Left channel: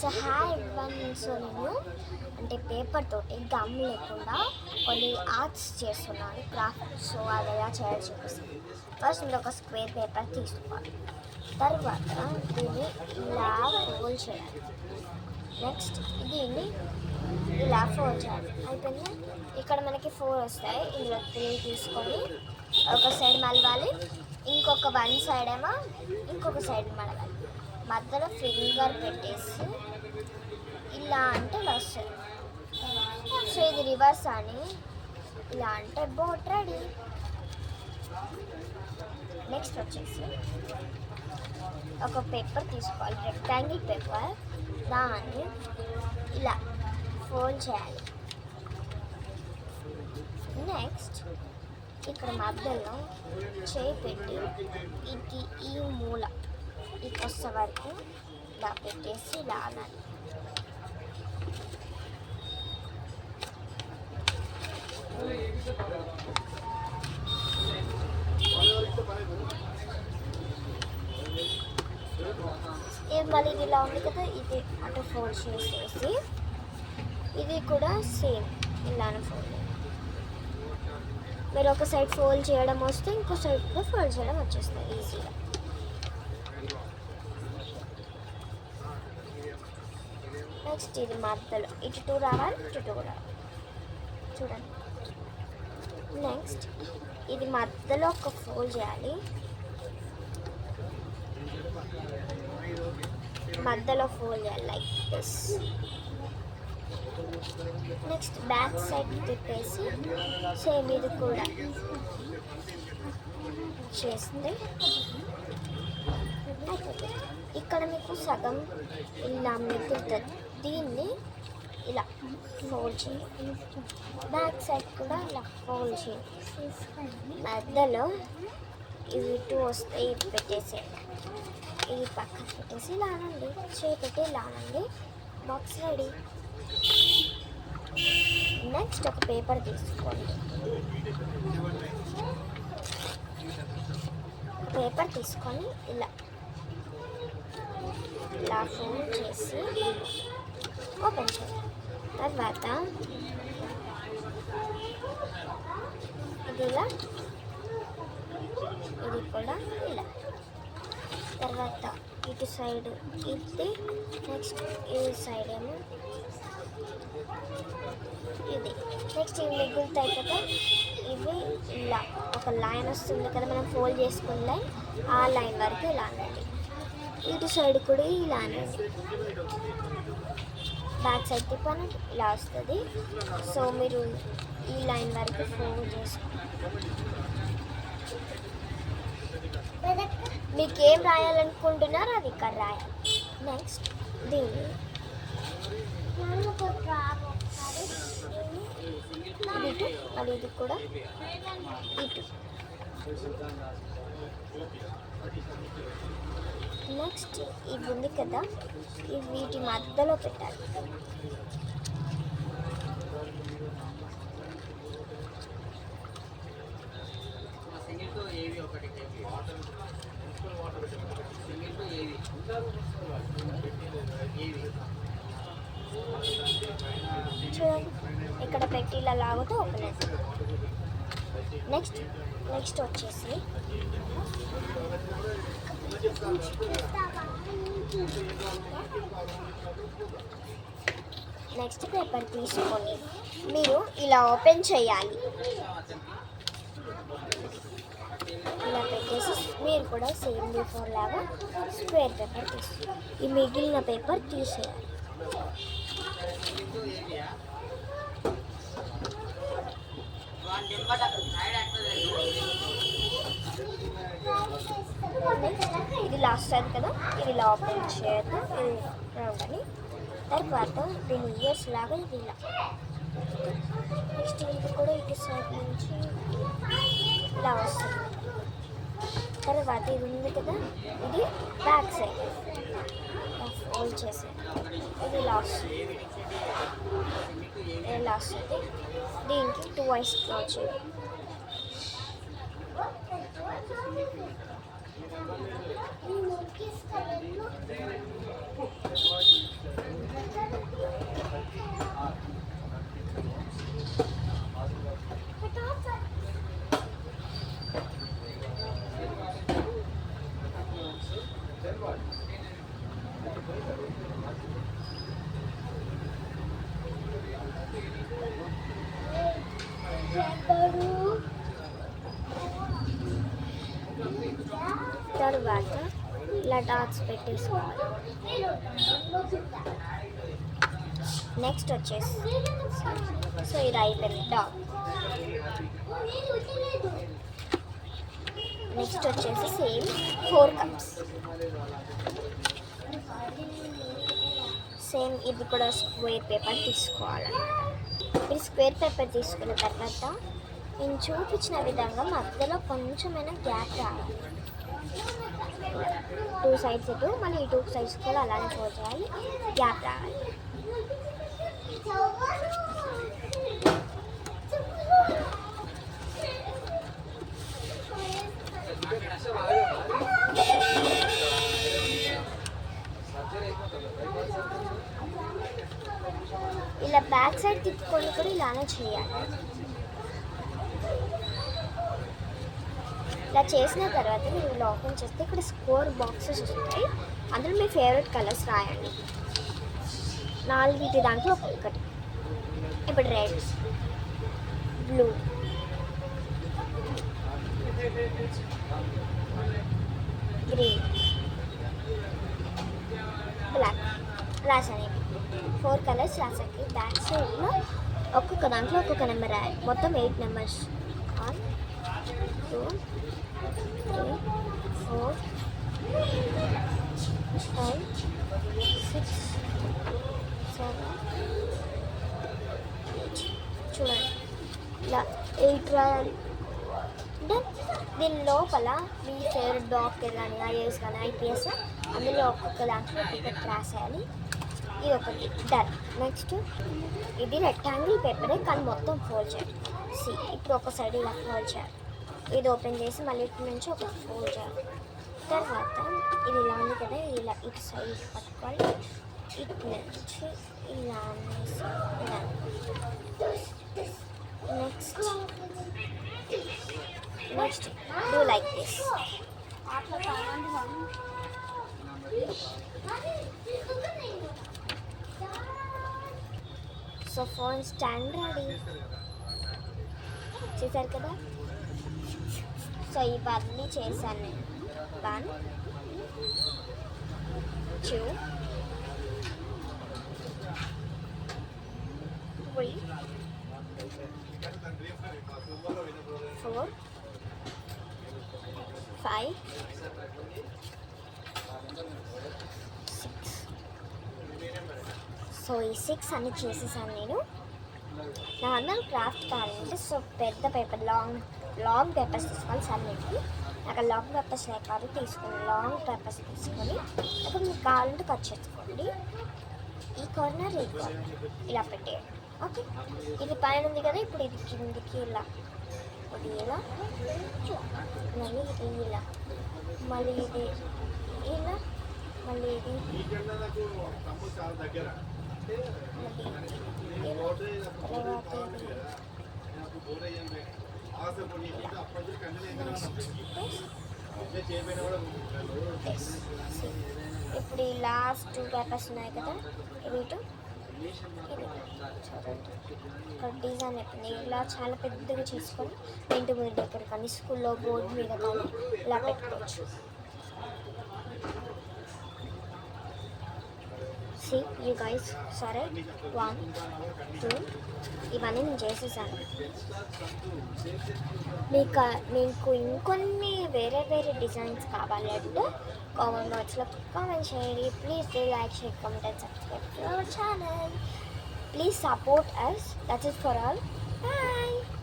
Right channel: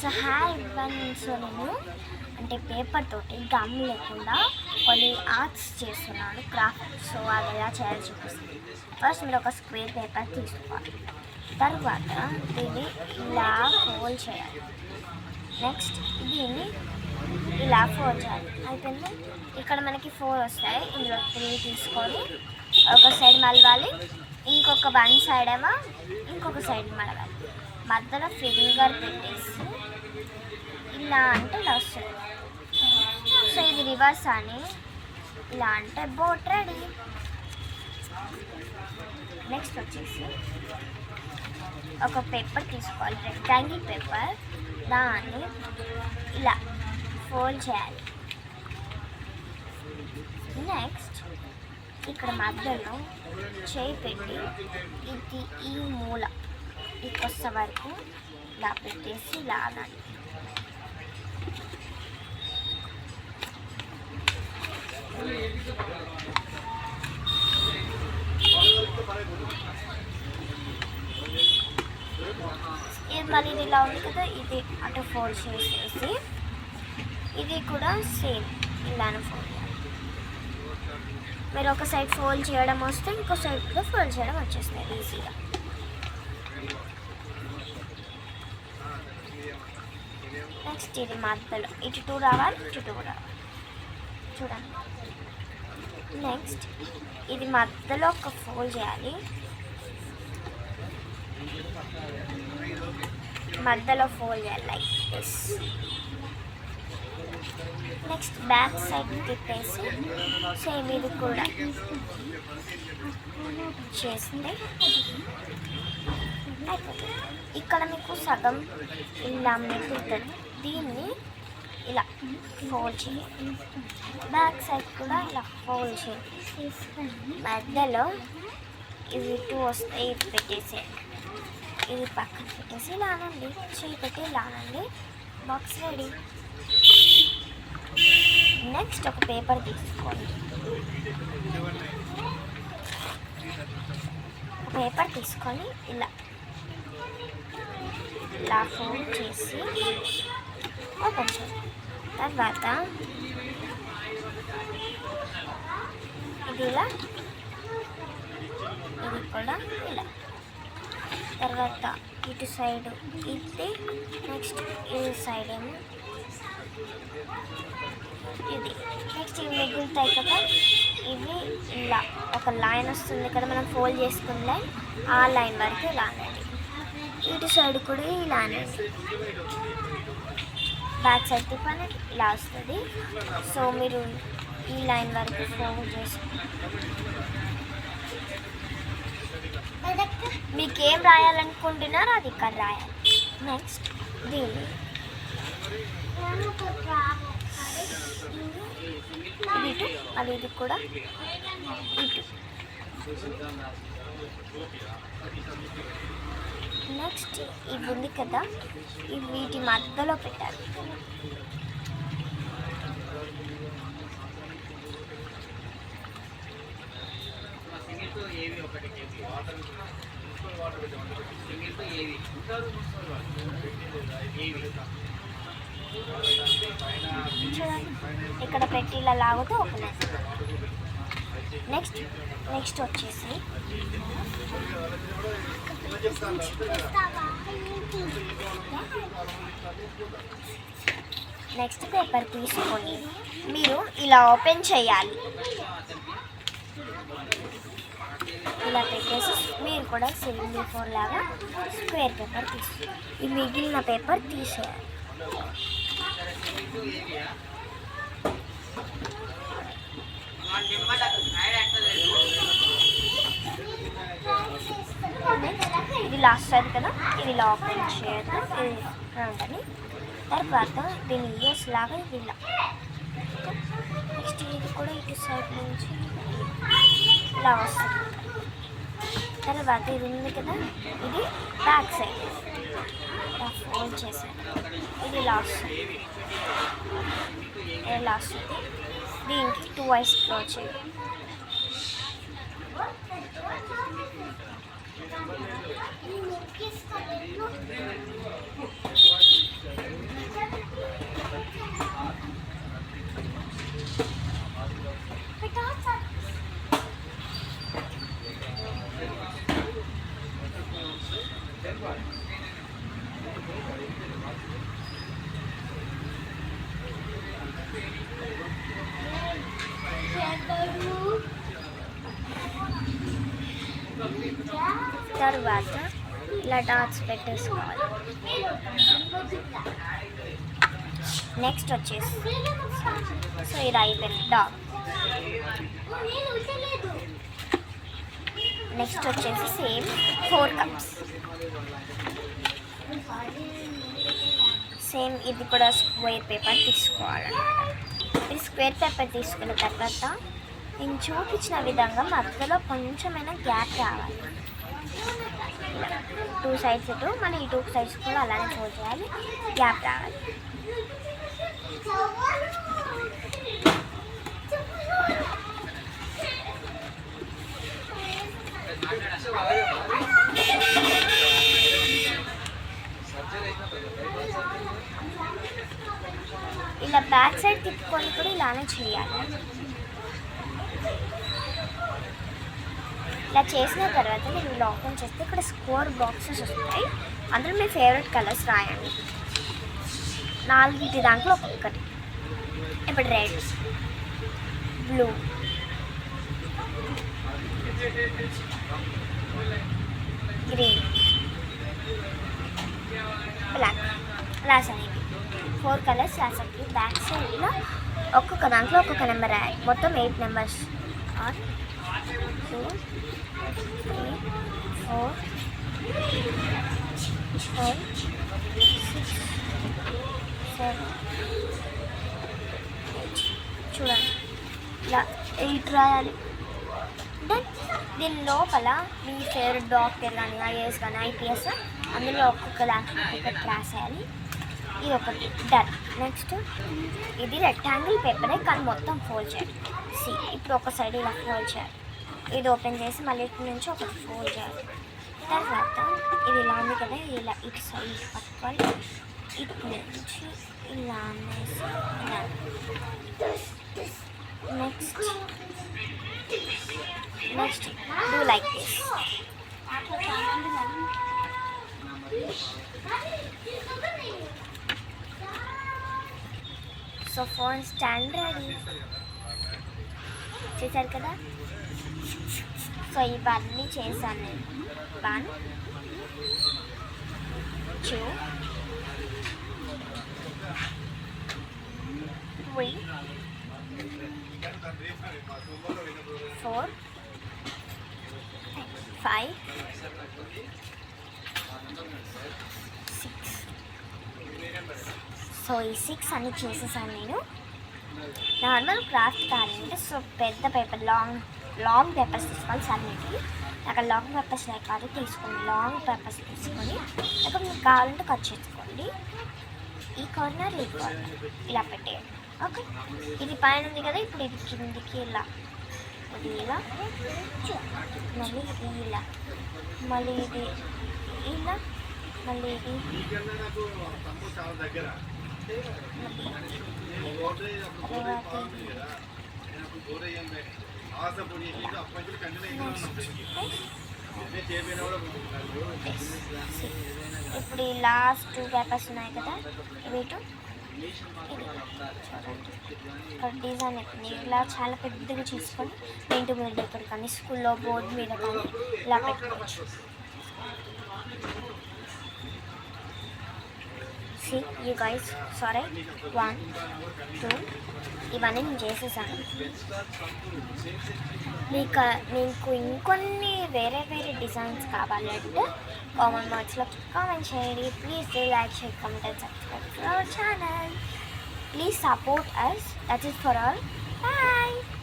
So hi one. So నేను అంటే paper తోటి గమ్ లేకుండా కొన్ని ఆర్ట్స్ చేస్తున్నాను, క్రాఫ్ట్. సో అది ఎలా చేయాలో చూపిస్తుంది. ఫస్ట్ మీరు ఒక స్క్వేర్ పేపర్ తీసుకోవాలి. తర్వాత దీన్ని ఇలా ఫోల్డ్ చేయాలి. నెక్స్ట్ దీన్ని ఇలా ఫోల్డ్ చేయాలి. అయిపోయింది. ఇక్కడ మనకి 4 వస్తాయి. ఇందులో 3 తీసుకొని ఒక సైడ్ మలవాలి, ఇంకొక వన్ సైడ్ ఏమో ఇంకొక సైడ్ మలవాలి. మధ్యలో ఫింగర్ పెట్టేసి ఇలా అంటే ఇలా వస్తుంది. సో ఇది రివర్స్ అని ఇలా అంటే బోట్ రెడీ. నెక్స్ట్ వచ్చేసి ఒక పేపర్ తీసుకోవాలి, రెక్టాంగిల్ పేపర్. దాన్ని ఇలా ఫోల్డ్ చేయాలి. నెక్స్ట్ ఇక్కడ మధ్యలో చేయి పెట్టి ఇది ఈ మూల ఈ కొత్త వరకు ఇలా పెట్టేసి ఇలా అనాలి. ఇది మళ్ళీ ఇది ఇలా ఉంది కదా, ఇది అటు ఫోల్డ్ చేసేసి ఇది కూడా సేమ్ ఇలానే ఫోల్డ్ చేయాలి. మీరు ఒక సైడ్ ఫోల్డ్ చేయడం వస్తే ఇంకో సైడ్ కూడా ఫోల్డ్ చేయడం వచ్చేస్తాయి ఈజీగా. నెక్స్ట్ ఇది మధ్యలో ఇటు 2 రావాలి, ఇటు 2 రావాలి. చూడండి. నెక్స్ట్ ఇది మధ్యలో ఒక ఫోల్డ్ చేయాలి. మధ్యలో ఫోల్డ్ చేయాలి like this. Next back side తిప్పేసి సేమ్ ఇది కూడా చేస్తే అయిపోతుంది. ఇక్కడ మీకు సగం ఇలా మిగులుతుంది. దీన్ని ఇలా ఫోల్డ్ చేయాలి. బ్యాక్ సైడ్ కూడా ఇలా ఫోల్డ్ చేయాలి. మధ్యలో ఇవి 2 వస్తే ఇది పెట్టేసేయండి. ఇది పక్కన పెట్టేసి ఇలా అనండి, చేయి పెట్టి ఇలా అనండి. Box ready. నెక్స్ట్ ఒక పేపర్ తీసుకోండి. పేపర్ తీసుకొని ఇలా ఇలా ఫోల్డ్ చేసి ఓపెన్ చేయాలి. తర్వాత ఇది ఇలా, ఇది కూడా ఇలా. తర్వాత ఇటు సైడ్ ఇది, నెక్స్ట్ ఈ సైడ్ ఏమో ఇది. నెక్స్ట్ ఇవి మిగులుతాయి కదా, ఇవి ఇలా ఒక లైన్ వస్తుంది కదా మనం ఫోల్డ్ చేసుకున్న లైన్, ఆ లైన్ వరకు ఇలా అనండి. ఇటు సైడ్ కూడా ఇలా అనండి. బ్యాక్ సైడ్ తిప్పని ఇలా వస్తుంది. సో మీరు ఈ లైన్ వరకు ఫోల్డ్ చేసుకుంటారు. మీకు ఏం రాయాలనుకుంటున్నారో అది ఇక్కడ రాయాలి. నెక్స్ట్ దీన్ని ఇటు, అది ఇది కూడా ఇటు. నెక్స్ట్ ఇవి ఉంది కదా, ఇవి వీటి మధ్యలో పెట్టాలి. చూడండి, ఇక్కడ పెట్టి ఇలా లాగితే ఓపెన్ అవుతుంది. నెక్స్ట్ వచ్చేసి నెక్స్ట్ పేపర్ తీసుకొని మీరు ఇలా ఓపెన్ చేయాలి. ఇలా పెట్టేసి మీరు కూడా సేమ్ బిఫోర్ లాగా స్క్వేర్ పేపర్ తీసి ఈ మిగిలిన పేపర్ తీసేయాలి. ఇది లాస్ట్ సైడ్ కదా, ఇది ఇలా ఓపెన్ చేయడం ఉండని. తర్వాత దీని ఇయర్స్ లాగా ఇది ఇలా. నెక్స్ట్ ఇది కూడా ఇటు సైడ్ నుంచి ఇలా వస్తుంది. తర్వాత ఇది ఉంది కదా, ఇది బ్యాక్ సైడ్ ఇలా ఫోల్డ్ చేసాను. ఇది ఇలా వస్తుంది, ఇలా వస్తుంది. దీనికి 2 ఐస్ డ్రా చేయాలి. తర్వాత ఇలా డాట్స్ పెట్టేసుకోవాలి. నెక్స్ట్ వచ్చేసి సో ఇది అయిపోయింది డాట్. నెక్స్ట్ వచ్చేసి సేమ్ 4 కప్స్. సేమ్ ఇది కూడా స్క్వేర్ పేపర్ తీసుకోవాలన్నమాట. ఇది స్క్వేర్ పేపర్ తీసుకున్న తర్వాత నేను చూపించిన విధంగా మధ్యలో కొంచెమైనా గ్యాప్ రావాలి. 2 సైడ్స్ ఇటు మళ్ళీ ఈ 2 సైడ్స్ కూడా అలానే ఫోల్డ్ చేయాలి, గ్యాప్ రావాలి. ఇలా బ్యాక్ సైడ్ తిప్పుకొని కూడా ఇలానే చేయాలి. ఇలా చేసిన తర్వాత మీరు ఇలా ఓపెన్ చేస్తే ఇక్కడ స్కోర్ బాక్సెస్ వస్తాయి. అందులో మీ ఫేవరెట్ కలర్స్ రాయండి. 4 దాంట్లో ఒక్కొక్కటి. ఇప్పుడు రెడ్, బ్లూ, గ్రీన్, బ్లాక్ రాసాను. 4 కలర్స్ రాసాను. బ్యాక్ సైడ్లో ఒక్కొక్క దాంట్లో ఒక్కొక్క నెంబర్ రాయాలి. మొత్తం 8 నెంబర్స్. 1 2 3 4 5 6 7 చూడండి ఇలా 8 రాయాలి. దెన్ దీని లోపల మీ ఫేవరెట్ డాక్టర్ కానీ ఐఏఎస్ కానీ ఐపీఎస్ అందులో ఒక్కొక్క దాంట్లో ఒక్కొక్కటి రాసేయాలి. ఇది ఒకటి డన్. నెక్స్ట్ ఇది రెక్టాంగిల్ పేపరే కానీ మొత్తం ఫోల్డ్ చేయాలి. ఇప్పుడు ఒక సైడ్ ఇలా ఫోల్డ్ చేయాలి. ఇది ఓపెన్ చేసి మళ్ళీ ఇటు నుంచి ఒకటి ఫోల్డ్ చేయాలి. తర్వాత ఇది ఇలా ఉంది కదా, ఇలా ఇటు సైడ్ పట్టుకోవాలి. ఇటు నుంచి ఇలా అనేసి ఇలా. Next do like this. So phone stand ready చేశారు కదా. సో ఇవన్నీ చేశాను నేను. 1 2 3 4 5 6. సో ఈ 6 అన్ని చేసేసాను నేను. నార్మల్ క్రాఫ్ట్ కావాలంటే సో పెద్ద పేపర్ లాంగ్ పేపర్స్ తీసుకోవాలి. సన్నిటికి అక్కడ లాంగ్ పేపర్స్ లేకపోతే తీసుకొని లాంగ్ పేపర్స్ తీసుకొని అక్కడ మీకు కావాలంటే కట్ చేసుకోండి. ఈ కార్నర్ ఈ కార్నర్ ఇలా పెట్టేయండి. ఓకే, ఇది పైన ఉంది కదా, ఇప్పుడు ఇది కిందికి ఇలా, ఇది ఇలా, మళ్ళీ ఇది ఇలా, మళ్ళీ ఇది ఇలా, మళ్ళీ ఇది ఇప్పుడు ఈ లాస్ట్ 2 పేపర్స్ ఉన్నాయి కదా, వీటి ఇక్కడ డిజైన్ అయిపోయింది. ఇలా చాలా పెద్దగా చేసుకొని ఇంటి మీద దగ్గర కానీ స్కూల్లో బోర్డు మీద కానీ ఇలా పెట్టుకోవచ్చు. See you guys, sorry, 1 2 ఇవన్నీ నేను చేసేసాను. మీకు ఇంకొన్ని వేరే డిజైన్స్ కావాలంటే కామెంట్ బాక్స్లో కామెంట్ చేయండి. Please do like, share, comment and subscribe to our channel. Please support us. That is for all. Bye.